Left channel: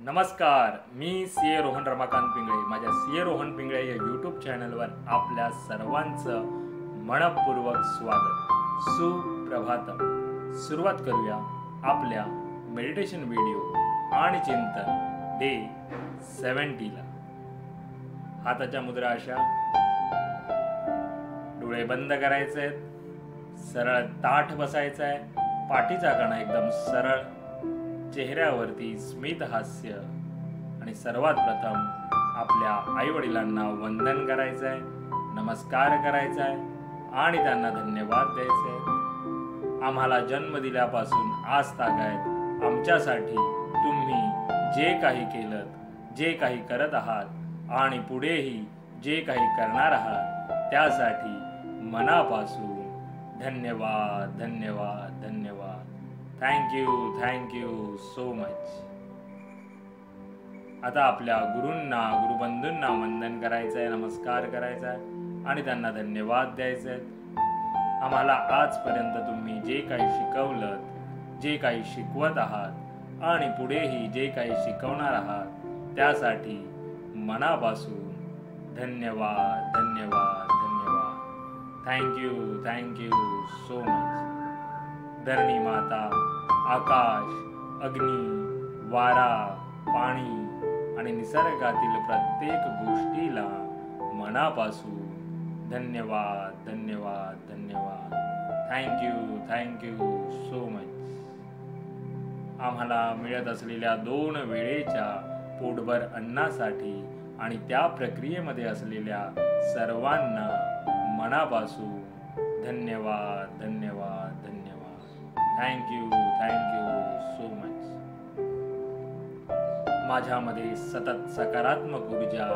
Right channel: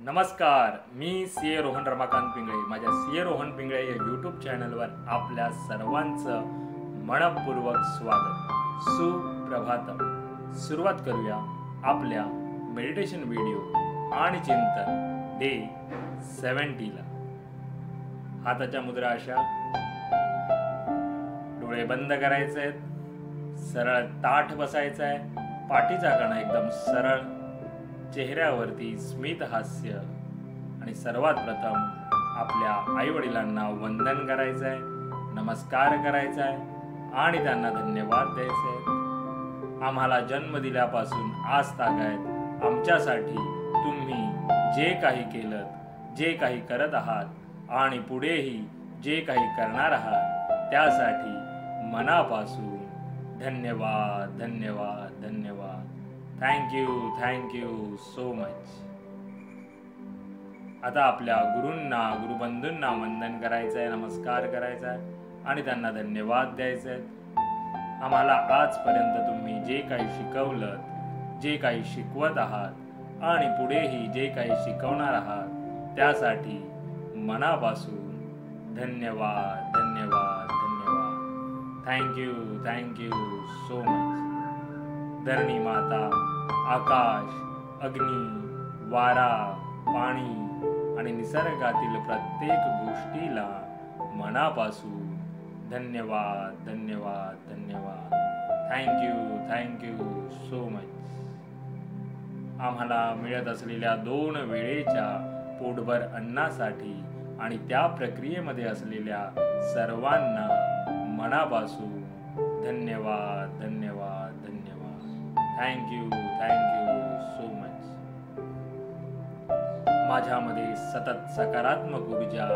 नमस्कार, मी सीए रोहन रमाकांत पिंगळे. माझ्या सीए रोहन पिंगळे या यूट्यूब चॅनलवर आपल्या सर्वांचं मनपूर्वक स्वागत. सुप्रभातम. सुरुवात करूया आपल्या मेडिटेशन व्हिडिओ आणि चिंतन डे 70 ला. हाताच्या मुद्रा अशा, डोळे बंद करायचे आहेत, सरळ ताठ बसायचं आहे, पाठीचा कणा एकदम सरळ, चेहऱ्यावरती स्मित हास्य आणि सर्वात प्रथम आपल्या आईवडिलांना वंदन करायचं आहे, नमस्कार करायचा आहे आणि त्यांना धन्यवाद द्यायचे आहेत. आम्हाला जन्म दिल्यापासून आज तागायत आमच्यासाठी तुम्ही जे काही केलं, जे काही करत आहात आणि पुढेही जे काही करणार आहात त्यासाठी मनापासून धन्यवाद धन्यवाद धन्यवाद. Thank you so much. आता आपल्या गुरूंना, गुरुबंधूंना वंदन करायचं आहे, नमस्कार करायचा आहे आणि त्यांना धन्यवाद द्यायचे आहेत. आम्हाला आजपर्यंत तुम्ही जे काही शिकवलं, जे काही शिकवत आहात आणि पुढेही जे काही शिकवणार आहात त्यासाठी मनापासून धन्यवाद धन्यवाद धन्यवाद. Thank you so much. धरणी माता, आकाश, अग्नी, वारा, पाणी आणि निसर्गातील प्रत्येक गोष्टीला मनापासून धन्यवाद धन्यवाद धन्यवाद. Thank you so much. आम्हाला मिळत असलेल्या 2 वेळेच्या पोटभर अन्नासाठी आणि त्या प्रक्रियेमध्ये असलेल्या सर्वांना मनापासून धन्यवाद धन्यवाद धन्यवाद. Thank you so much. माझ्यामध्ये सतत सकारात्मक ऊर्जा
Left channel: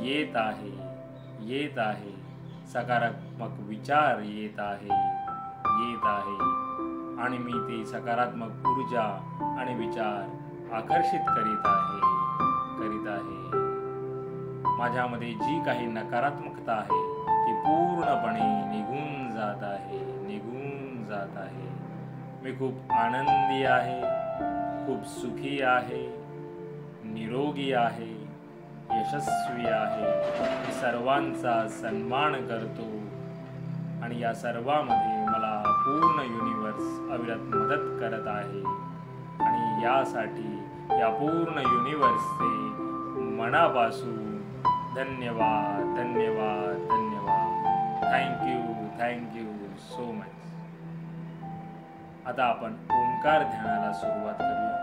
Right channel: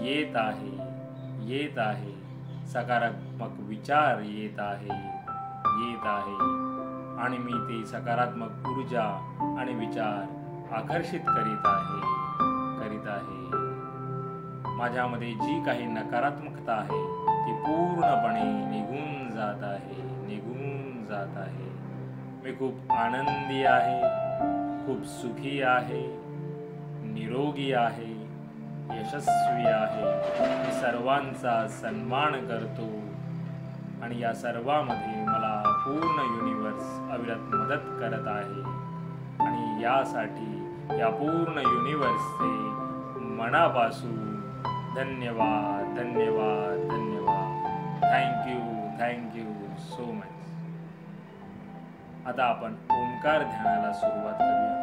येत आहे, सकारात्मक विचार येत आहे आणि मी ती सकारात्मक ऊर्जा आणि विचार आकर्षित करीत आहे. माझ्यामध्ये जी काही नकारात्मकता आहे ती पूर्णपणे निघून जात आहे. मी खूप आनंदी आहे, खूप सुखी आहे, निरोगी आहे, यशस्वी आहे. मी सर्वांचा सन्मान करतो आणि या सर्वांमध्ये मला पूर्ण युनिवर्स अविरत मदत करत आहे आणि यासाठी या पूर्ण युनिवर्सचे मनापासून धन्यवाद धन्यवाद धन्यवाद. Thank you so much. आता आपण ओंकार ध्यानाला सुरुवात करूया.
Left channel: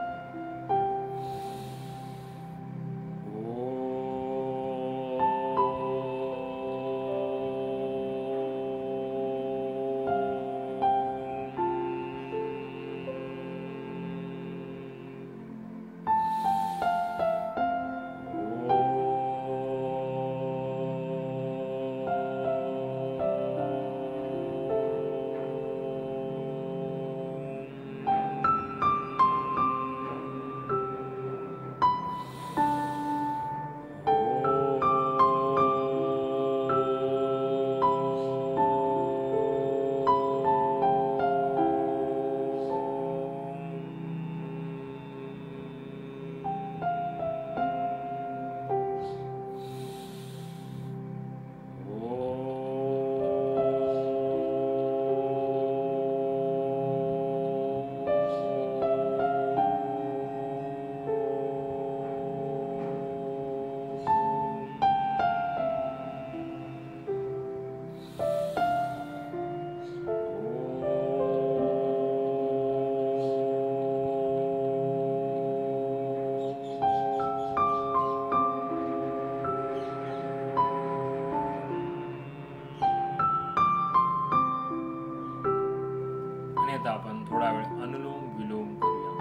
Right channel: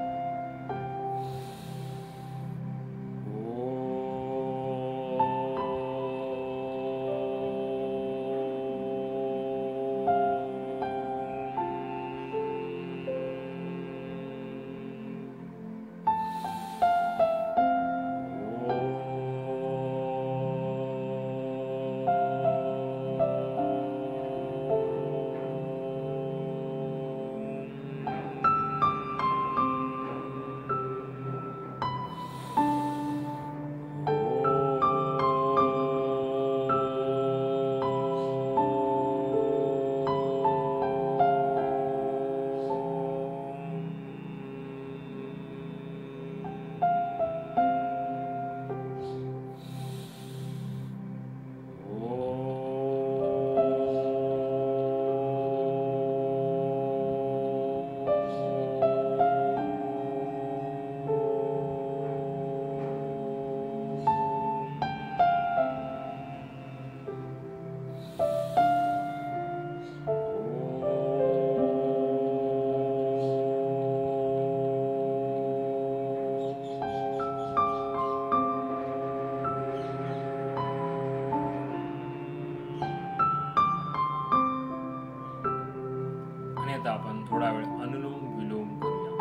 आता आपण थोडा वेळ अनुलोम विलोम करूया.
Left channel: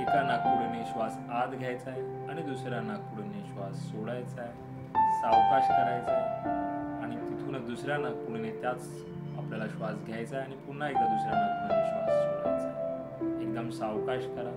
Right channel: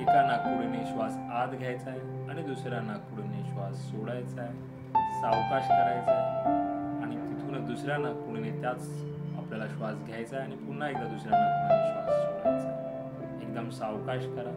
एका नाकपुडीने श्वास आत घ्यायचा आहे आणि दुसऱ्या नाकपुडीने श्वास सोडायचा आहे. सावकाश करायचा आहे आणि तिथूनच दुसऱ्या नाकपुडीने त्याच आपल्याला श्वास घ्यायचा आहे आणि पुन्हा एकदा दुसऱ्या नाकपुडीने श्वास सोडायचा आहे. एकदम सावकाश करा.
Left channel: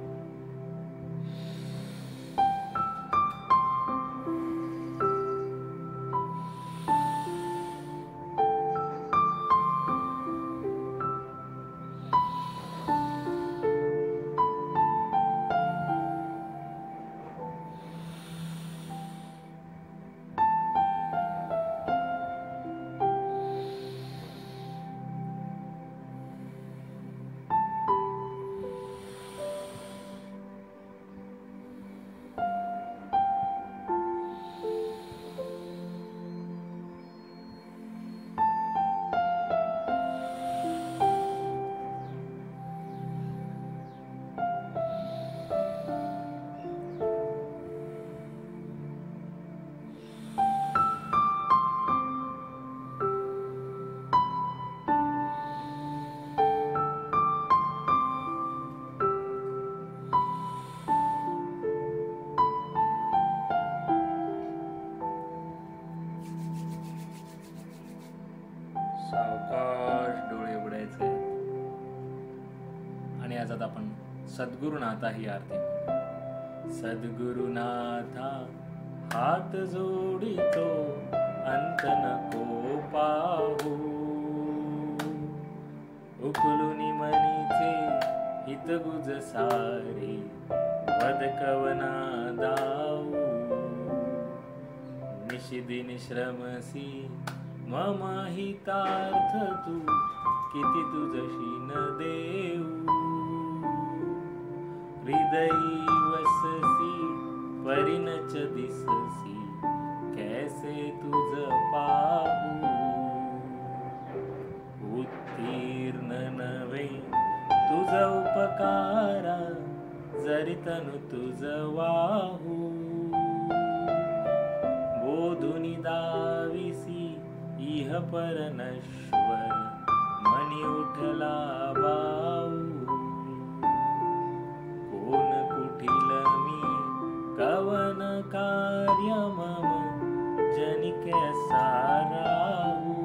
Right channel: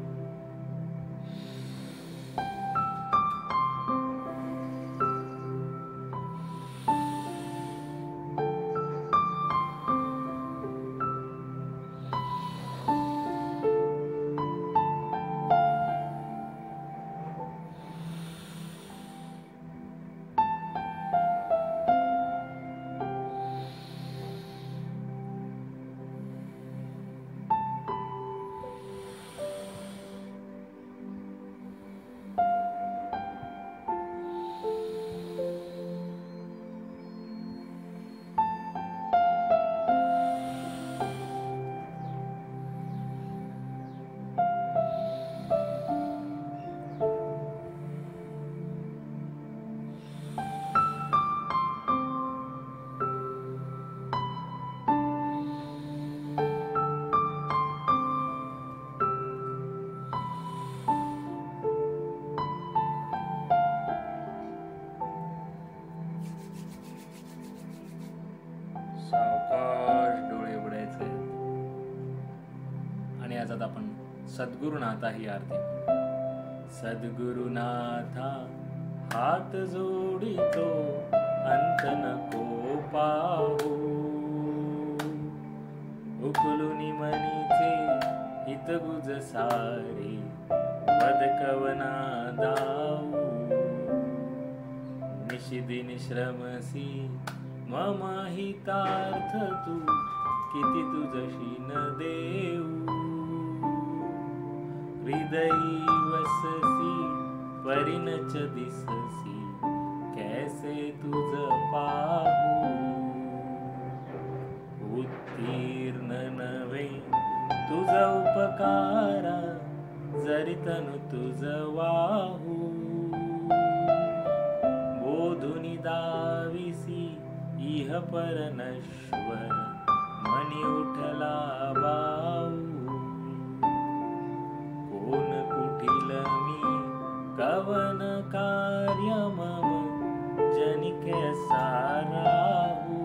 सावकाश डोळे उघडायचे आणि आज आपण सद्गुरुनाथा ही आरती म्हणू. सद्गुरुनाथा हात जोडितो अंत नको पाहू, उकलुनी मनीचे हितगुज सारे वद कवना दाऊ. निशिदिन श्रमसी मम हितार्थ तू, किती तुझशी न देऊ. हृदयी वससी परिणच दिससी, कैसे तुझ पाहू. उत्तीर्ण नवे तुझ उपकारा, जरी तनु तुझ वाहू. बोधुनी दाविसी इह पर नश्वर, मनी उठला बाऊ. कोण कुठील मी कवन कार्य मम, जनिके साराहू.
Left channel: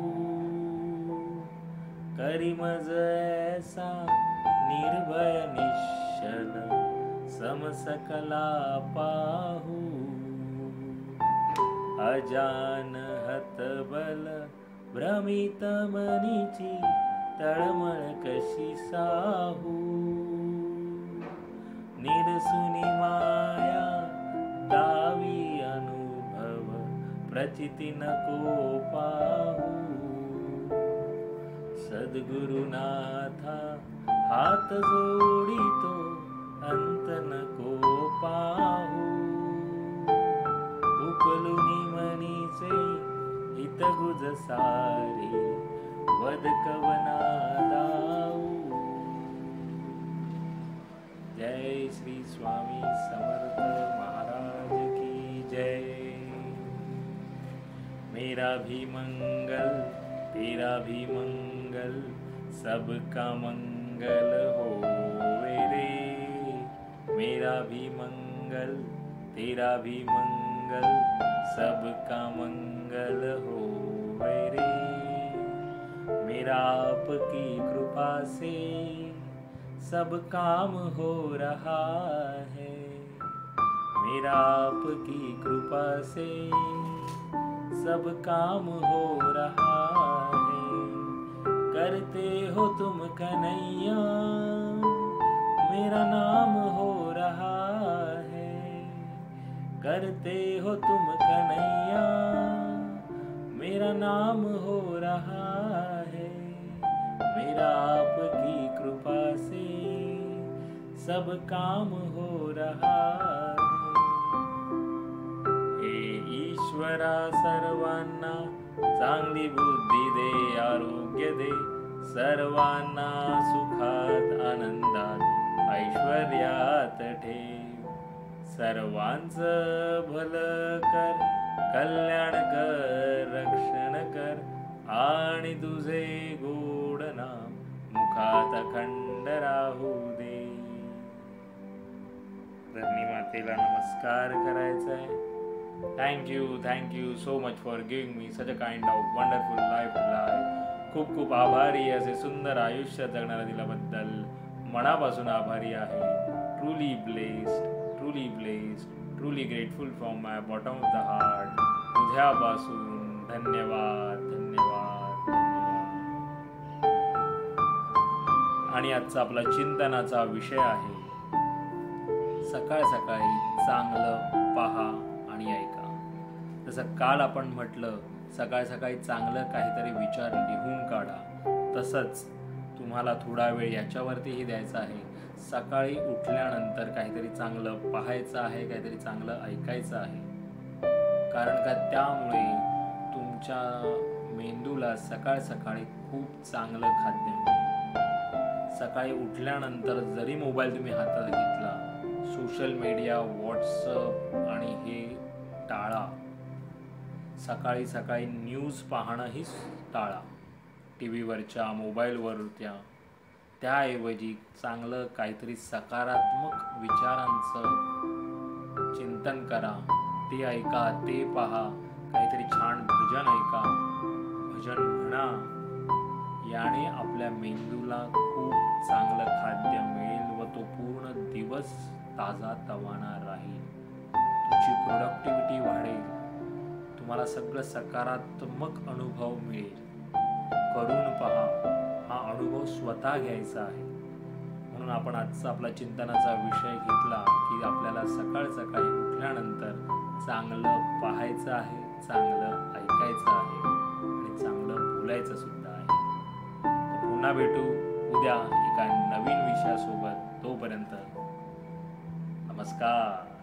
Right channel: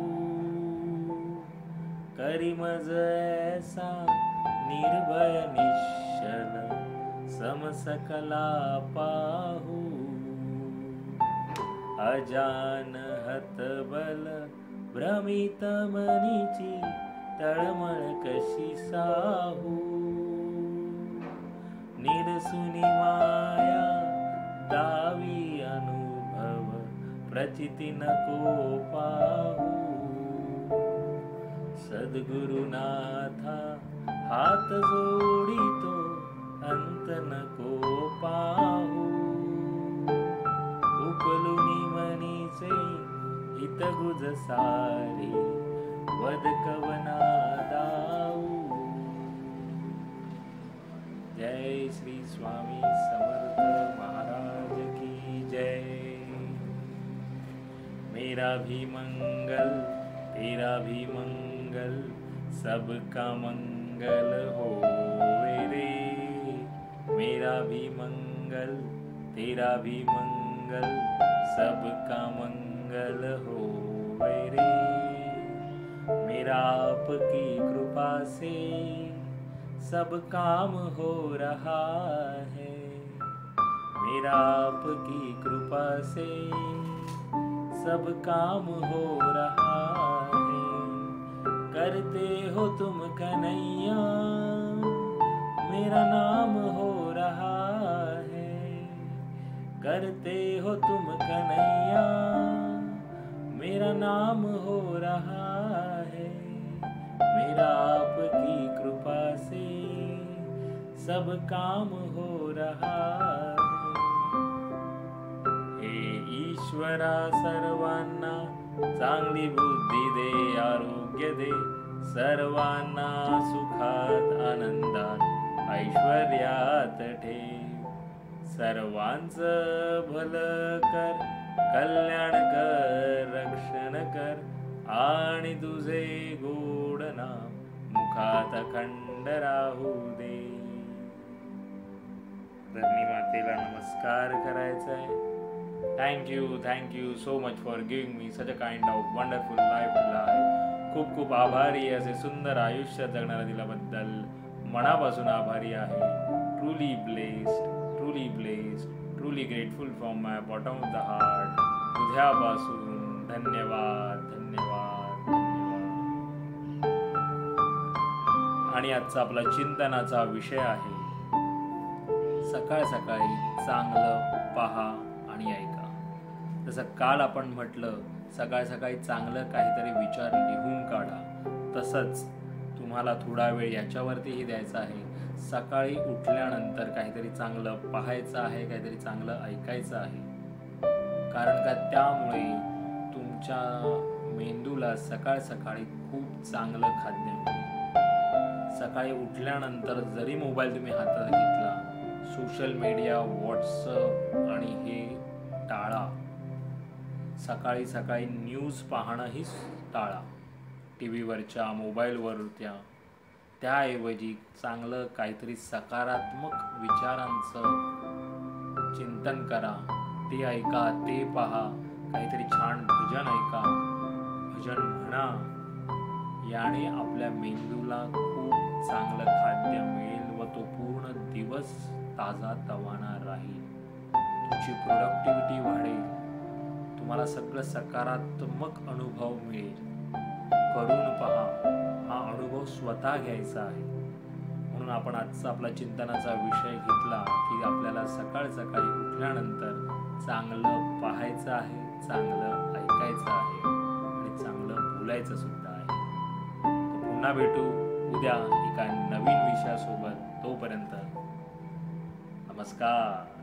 करी मज ऐसा निर्भय निश्चल, समसकला पाहू. अजान हतबल भ्रमित मनीची, तळमळ कशी साहू. निरसुनी माया दावी अनुभव, प्रचिती नको पाहू. सद्गुरुनाथा हात जोडितो अंत नको पाहू. उकलुनी मनीचे हितगुज सारे, वद कवना दाऊ. जय श्री स्वामी समर्थ महाराज की जय. मेरा भी मंगल तेरा भी मंगल, सबका मंगल होवे रे. मेरा भी मंगल तेरा भी मंगल, सबका मंगल होवे रे. मेरा आपकी कृपा से सब काम हो रहा है. मेरा आपकी कृपा से सब काम हो रहा है. करते हो तुम कन्हैया, मेरा नाम हो रहा है. करते हो तुम कन्हैया, मेरा नाम हो रहा है. मेरा आपकी कृपा से सब काम हो रहा है. हे ईश्वरा सर्वांना चांगली बुद्धी दे, आरोग्य दे. सर्वांना सुखात आनंदात ऐश्वर्यात ठेव. सर्वांचं भलं कर, कल्याण कर, रक्षण कर. आणि तुझे गोड नाम मुखात अखंड राहू दे. धरणी मातेला नमस्कार करायचा आहे. Thank you so much for giving me such a kind of wonderful life to life. खूप खूप आभारी, असे सुंदर आयुष्य जगणारा दिल्याबद्दल मनापासून आभारी आहे. Truly blessed, truly grateful from my bottom of the heart. हृदयापासून धन्यवाद. आणि आजचा आपला चिंतनाचा विषय आहे, सकाळ सकाळी चांगलं पहा आणि ऐका. जसं काल आपण म्हटलं, सकाळ सकाळी चांगलं काहीतरी विचार लिहून काढा. तसंच तुम्हाला थोडा वेळ याच्यावरतीही द्यायचा आहे. सकाळी उठल्यानंतर काहीतरी चांगलं पाहायचं आहे, काहीतरी चांगलं ऐकायचं आहे. कारण का त्यामुळे तुमच्या मेंदूला सकाळ सकाळी खूप चांगलं खाद्य मिळेल. सकाळी उठल्यानंतर जरी मोबाईल तुम्ही हातात घेतला, सोशल मीडिया, व्हॉट्सअप आणि हे टाळा. सकाळी सकाळी न्यूज पाहणंही टाळा. टी व्हीवरच्या, मोबाईलवरच्या. त्याऐवजी चांगलं काहीतरी सकारात्मक विचारांचं चिंतन करा. ते ऐका, ते पहा. काहीतरी छान भजन ऐका, भजन म्हणा. याने आपल्या मेंदूला खूप चांगलं खाद्य मिळेल व तो पूर्ण दिवस ताजा तवाना राहील. तुमची प्रोडक्टिव्हिटी वाढेल. तुम्हाला सगळं सकारात्मक अनुभव मिळेल. करून पहा. हा अनुभव स्वतः घ्यायचा आहे. म्हणून आपण आजचा आपला चिंतनाचा विषय घेतला की आपल्याला सकाळी उठल्यानंतर चांगलं पाहायचं आहे, चांगलं ऐकायचं आहे आणि चांगलं बोलायचं सुद्धा आहे. तर पुन्हा भेटू उद्या एका नवीन विषयासोबत. तोपर्यंत नमस्कार.